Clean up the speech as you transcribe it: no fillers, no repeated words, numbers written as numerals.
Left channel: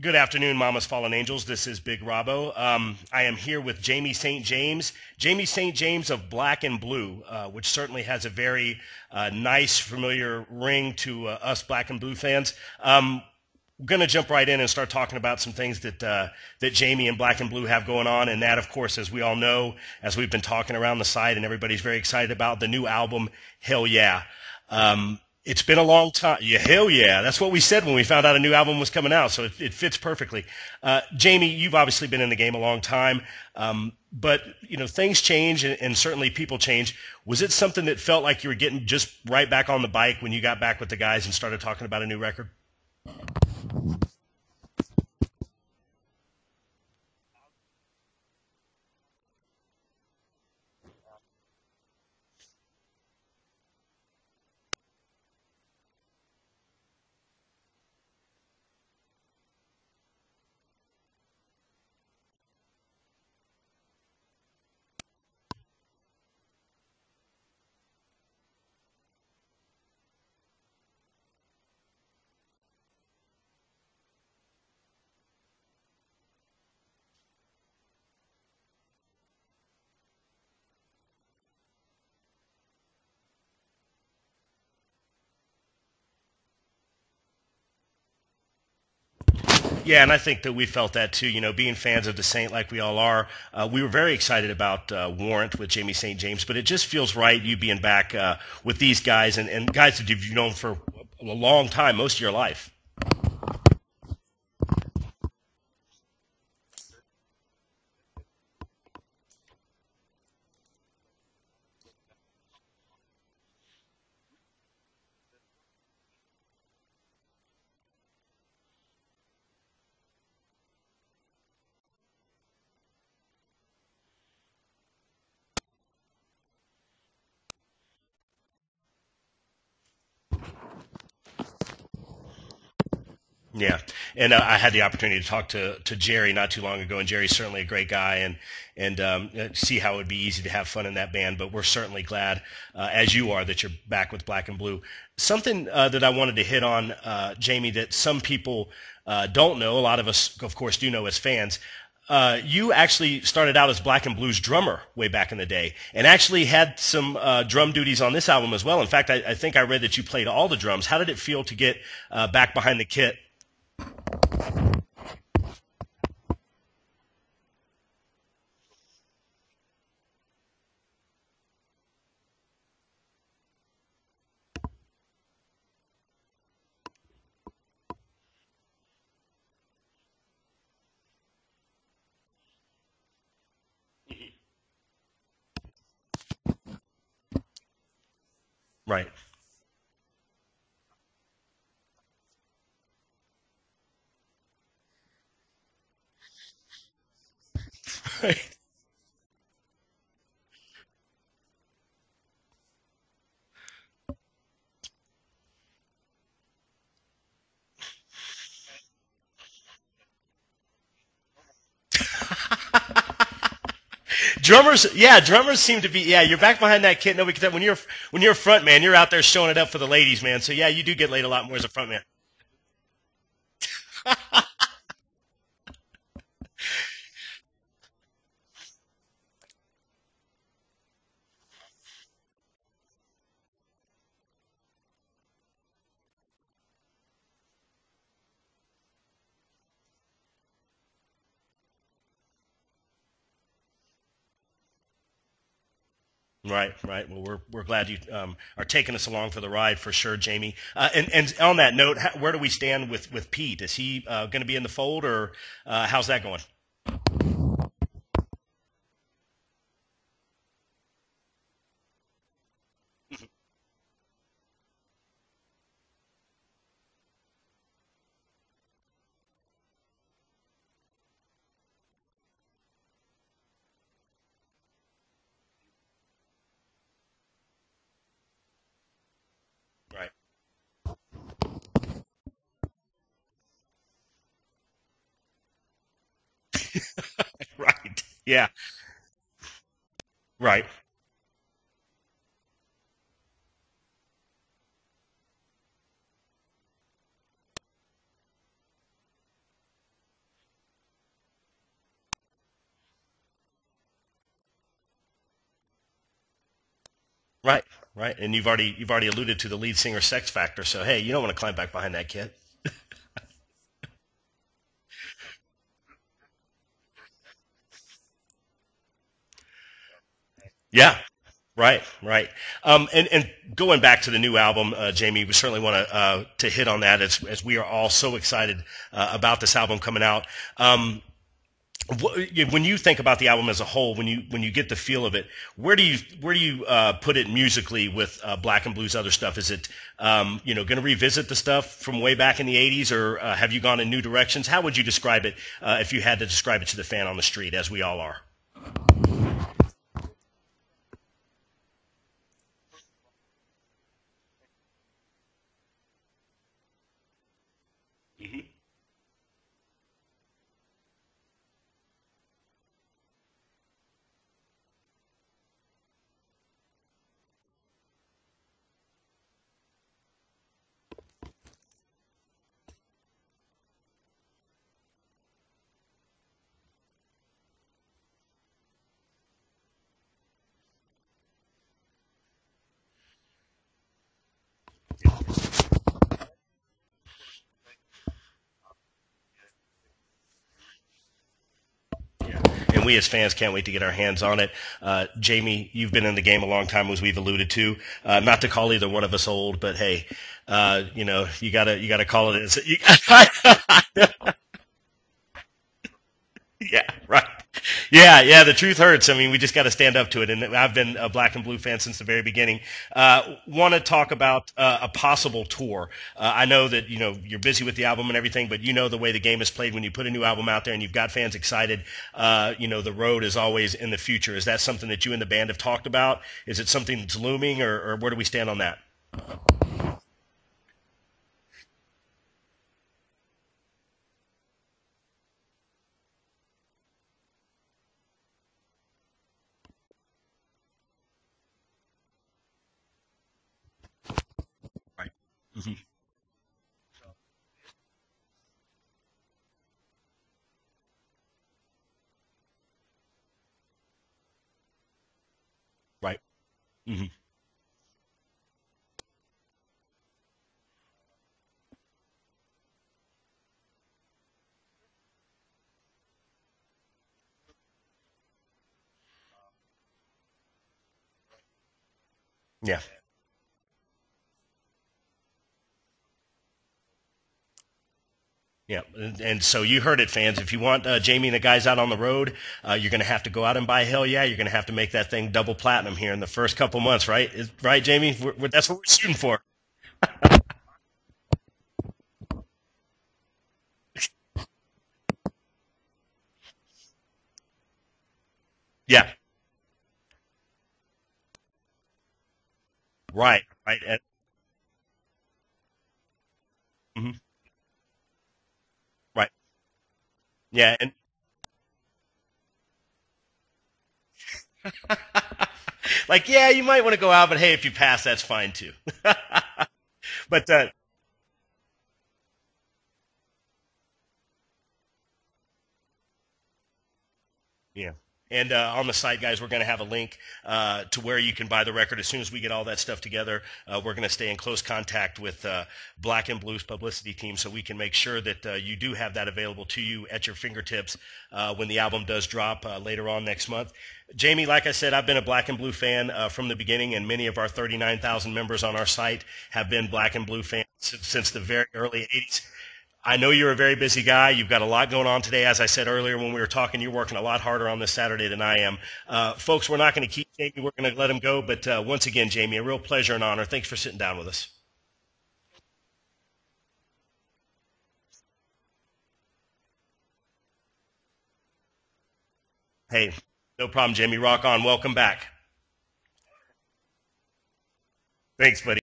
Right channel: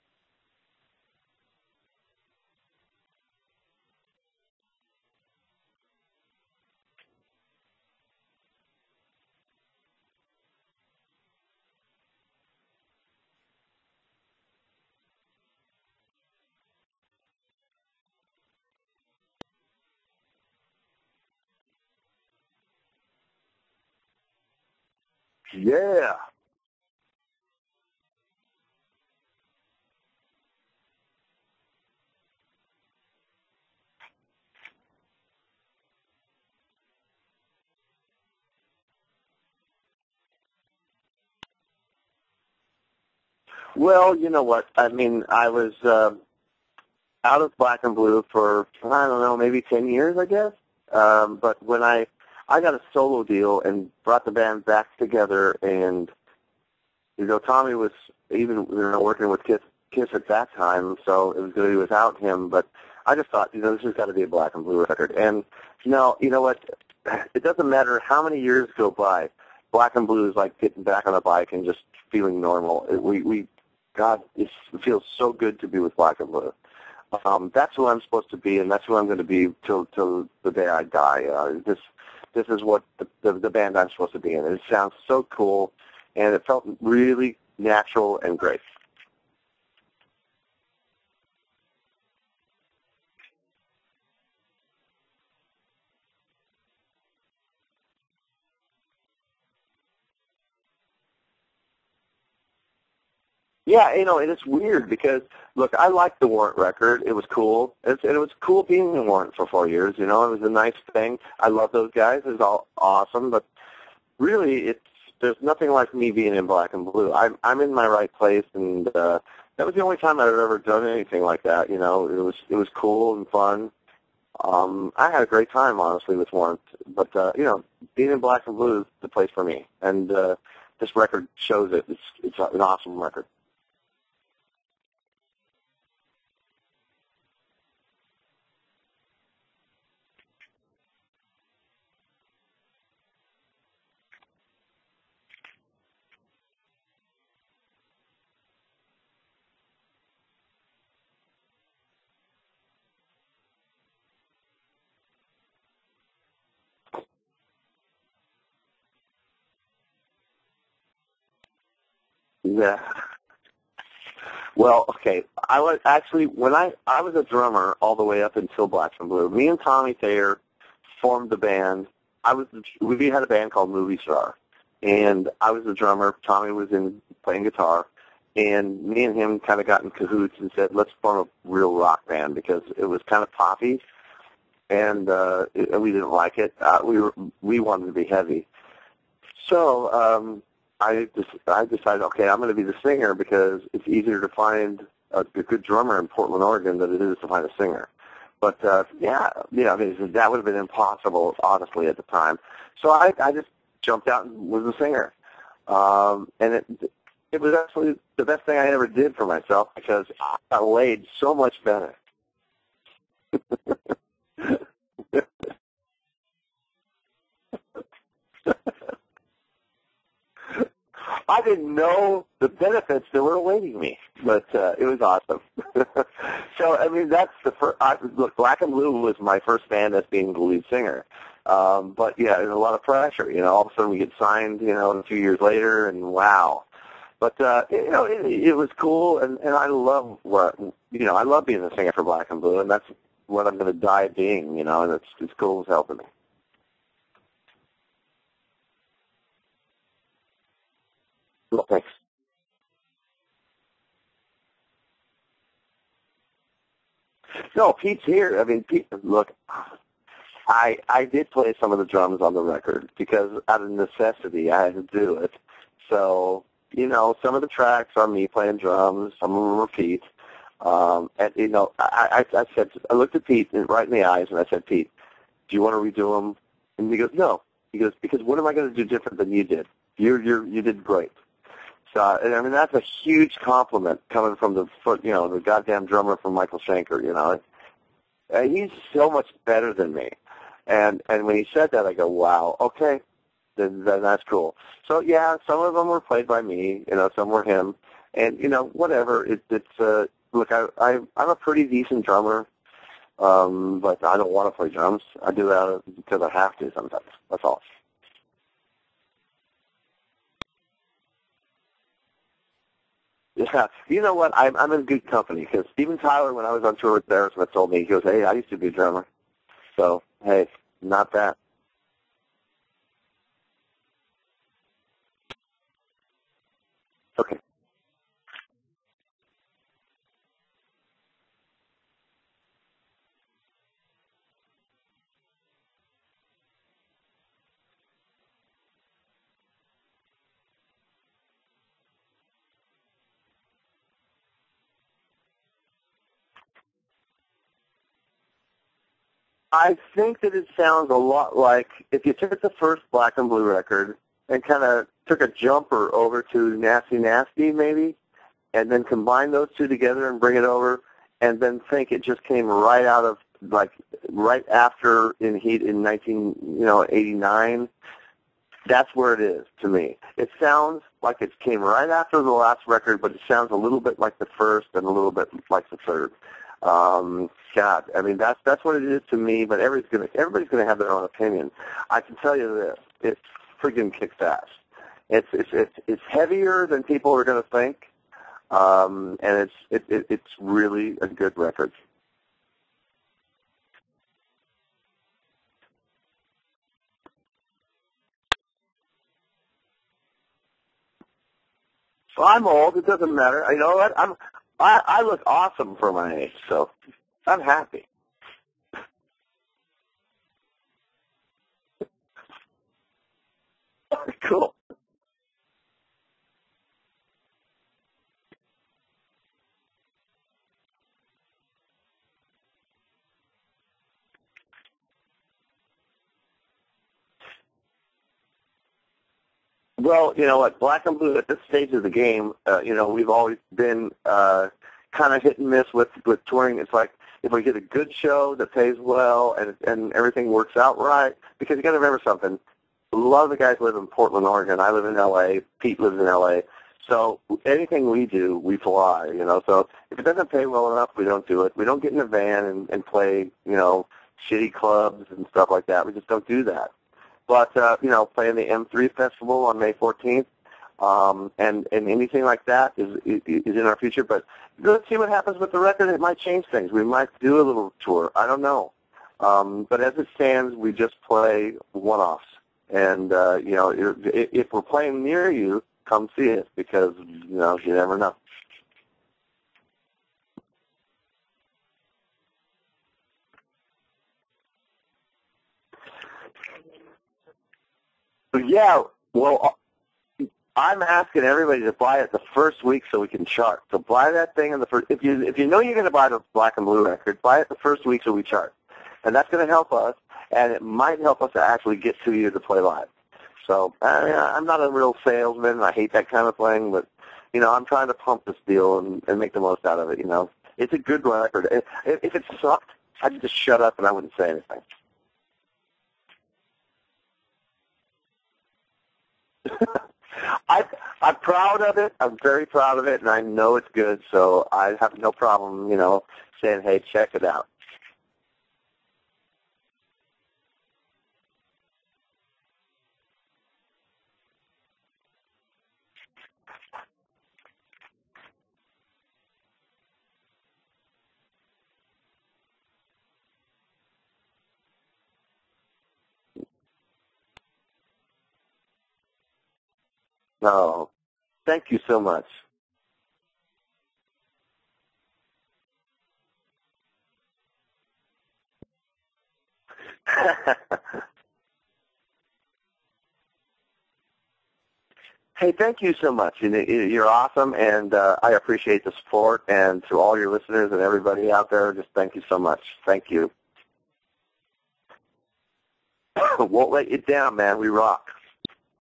Good afternoon, Mama's Fallen Angels. This is Big Robbo. I am here with Jamie St. James. Jamie St. James of Black and Blue, which certainly has a very nice, familiar ring to us Black and Blue fans. We're going to jump right in and start talking about some things that Jamie and Black and Blue have going on. And that, of course, as we all know, as we've been talking around the site and everybody's very excited about, the new album, Hell Yeah. It's been a long time. Yeah, hell yeah. That's what we said when we found out a new album was coming out, so it fits perfectly. Jamie, you've obviously been in the game a long time, but things change and certainly people change. Was it something that felt like you were getting just right back on the bike when you got back with the guys and started talking about a new record? Well, you know what? I mean, I was out of Black and Blue for, I don't know, maybe 10 years, I guess. But when I got a solo deal and brought the band back together, and Tommy was even working with Kiss at that time, so it was going to be without him. But I just thought, this has got to be a Black and Blue record. And no, you know what? It doesn't matter how many years go by. Black and Blue is like getting back on a bike and just feeling normal. It feels so good to be with Black and Blue. That's who I'm supposed to be, and that's who I'm going to be till the day I die. This is what the band I'm supposed to be in. It sounds so cool, and it felt really natural and great. Yeah, and I think that we felt that too. Being fans of the Saint like we all are, we were very excited about Warrant with Jamie St. James, but it just feels right you being back with these guys and guys that you've known for a long time, most of your life. Yeah, and it's weird because, look, I liked the Warrant record. It was cool. It was cool being in Warrant for 4 years. It was a nice thing. I love those guys. It's all awesome. But really, there's nothing like me being in Black and Blue. I'm in my right place, and that was the only time I've ever done anything like that. It was cool and fun. I had a great time, honestly, with Warrant. But, being in Black and Blue is the place for me. And this record shows it. It's an awesome record. Yeah, and I had the opportunity to talk to Jerry not too long ago, and Jerry's certainly a great guy, and see how it would be easy to have fun in that band. But we're certainly glad, as you are, that you're back with Black and Blue. Something that I wanted to hit on, Jamie, that some people don't know, a lot of us, of course, do know as fans. You actually started out as Black and Blue's drummer way back in the day, and actually had some drum duties on this album as well. In fact, I think I read that you played all the drums. How did it feel to get back behind the kit? Well, okay. I was actually, when I was a drummer all the way up until Black and Blue. Me and Tommy Thayer formed the band. We had a band called Movie Star, and I was the drummer. Tommy was playing guitar, and me and him kind of got in cahoots and said, let's form a real rock band, because it was kind of poppy, and we didn't like it. We wanted to be heavy. Right. So I decided, okay, I'm going to be the singer, because it's easier to find a good drummer in Portland, Oregon than it is to find a singer. But, I mean, that would have been impossible, honestly, at the time. So I just jumped out and was a singer. And it was actually the best thing I ever did for myself, because I got laid so much better. Drummers seem to be, you're back behind that kit. Nobody can tell. When you're a front man, you're out there showing it up for the ladies, man. So, you do get laid a lot more as a front man. I didn't know the benefits that were awaiting me, but it was awesome. So, I mean, that's the first. Look, Black and Blue was my first band as being the lead singer. But, there's a lot of pressure. All of a sudden we get signed, a few years later, and wow. But, it was cool, and I love I love being a singer for Black and Blue, and that's what I'm going to die being, and it's cool as hell to me. Right. Well, we're glad you are taking us along for the ride for sure, Jamie. And on that note, where do we stand with Pete? Is he going to be in the fold, or how's that going? No, Pete's here. I mean, Pete, look, I did play some of the drums on the record because out of necessity I had to do it. So, some of the tracks are me playing drums, some of them are Pete. And, I looked at Pete right in the eyes, and I said, Pete, do you want to redo them? And he goes, no. He goes, because what am I going to do different than you did? Right. You did great. So, and I mean, that's a huge compliment coming from the goddamn drummer from Michael Schenker, Right. Yeah. And he's so much better than me. Right. And when he said that, I go, wow, okay, then that's cool. So, yeah, some of them were played by me, some were him. And whatever. Look, I'm a pretty decent drummer, but I don't want to play drums. I do that because I have to sometimes. That's all. Right. And you've already alluded to the lead singer sex factor. So hey, you don't want to climb back behind that kid. Yeah, you know what? I'm in good company because Steven Tyler, when I was on tour with Aerosmith, told me, he goes, "Hey, I used to be a drummer." So hey, yeah, not that. Right. And going back to the new album, Jamie, we certainly want to hit on that as we are all so excited about this album coming out. When you think about the album as a whole, when you get the feel of it, where do you put it musically with Black and Blue's other stuff? Is it going to revisit the stuff from way back in the '80s, or have you gone in new directions? How would you describe it if you had to describe it to the fan on the street, as we all are? I think that it sounds a lot like if you took the first Black and Blue record and kind of took a jumper over to Nasty Nasty, maybe, and then combine those two together and bring it over. And then think it just came right out of, right after in 1989. That's where it is to me. It sounds like it came right after the last record, but it sounds a little bit like the first and a little bit like the third. God, I mean that's what it is to me. But everybody's gonna have their own opinion. I can tell you this: it friggin' kicks ass. It's heavier than people are gonna think. And it's really a good record. Yeah. And we as fans can't wait to get our hands on it. Jamie, you've been in the game a long time, as we've alluded to. Not to call either one of us old, but hey, you gotta call it. I'm old. It doesn't matter. You know what? I look awesome for my age, so yeah, right. I'm happy. Yeah, the truth hurts. I mean, we just got to stand up to it, and I've been a Black and Blue fan since the very beginning. Want to talk about a possible tour. I know that you're busy with the album and everything, but the way the game is played when you put a new album out there and you've got fans excited. The road is always in the future. Is that something that you and the band have talked about? Is it something that's looming, or where do we stand on that? Well, you know what, Black and Blue at this stage of the game, we've always been kind of hit and miss with touring. It's like if we get a good show that pays well and everything works out right, because you got to remember something. A lot of the guys live in Portland, Oregon. I live in L.A. Pete lives in L.A. So anything we do, we fly. So if it doesn't pay well enough, we don't do it. We don't get in a van and play, shitty clubs and stuff like that. We just don't do that. Mm-hmm. But, playing the M3 Festival on May 14th, and anything like that is in our future. But let's see what happens with the record. It might change things. We might do a little tour. I don't know. But as it stands, we just play one-offs. Yeah. And, if we're playing near you, come see us because, you never know. Yeah, and so you heard it, fans. If you want Jamie and the guys out on the road, you're going to have to go out and buy Hell Yeah. You're going to have to make that thing double platinum here in the first couple months, right? Right, Jamie? That's what we're shooting for. I'm asking everybody to buy it the first week so we can chart. So buy that thing in the first. If you know you're going to buy the Black and Blue record, buy it the first week so we chart. Yeah, and that's going to help us, and it might help us to actually get to you to play live. Right. So right. I'm not a real salesman. And I hate that kind of thing, but I'm trying to pump this deal and make the most out of it. Yeah, it's a good record. If it sucked, I'd just shut up and I wouldn't say anything. You might want to go out, but hey, if you pass, that's fine too. But I'm proud of it. I'm very proud of it, and I know it's good. So I have no problem, saying, hey, check it out. Yeah. And on the site, guys, we're going to have a link to where you can buy the record. As soon as we get all that stuff together, we're going to stay in close contact with Black and Blue's publicity team so we can make sure that you do have that available to you at your fingertips when the album does drop later on next month. Jamie, like I said, I've been a Black and Blue fan from the beginning, and many of our 39,000 members on our site have been Black and Blue fans since the very early days. I know you're a very busy guy. You've got a lot going on today. As I said earlier when we were talking, you're working a lot harder on this Saturday than I am. Folks, we're not going to keep Jamie. We're going to let him go. But once again, Jamie, a real pleasure and honor. Thanks for sitting down with us. Hey, thank you so much. You're awesome, and I appreciate the support. And to all your listeners and everybody out there, just thank you so much. Thank you. No problem, Jamie. Rock on. Welcome back. Won't let you down, man. We rock. Thanks, buddy.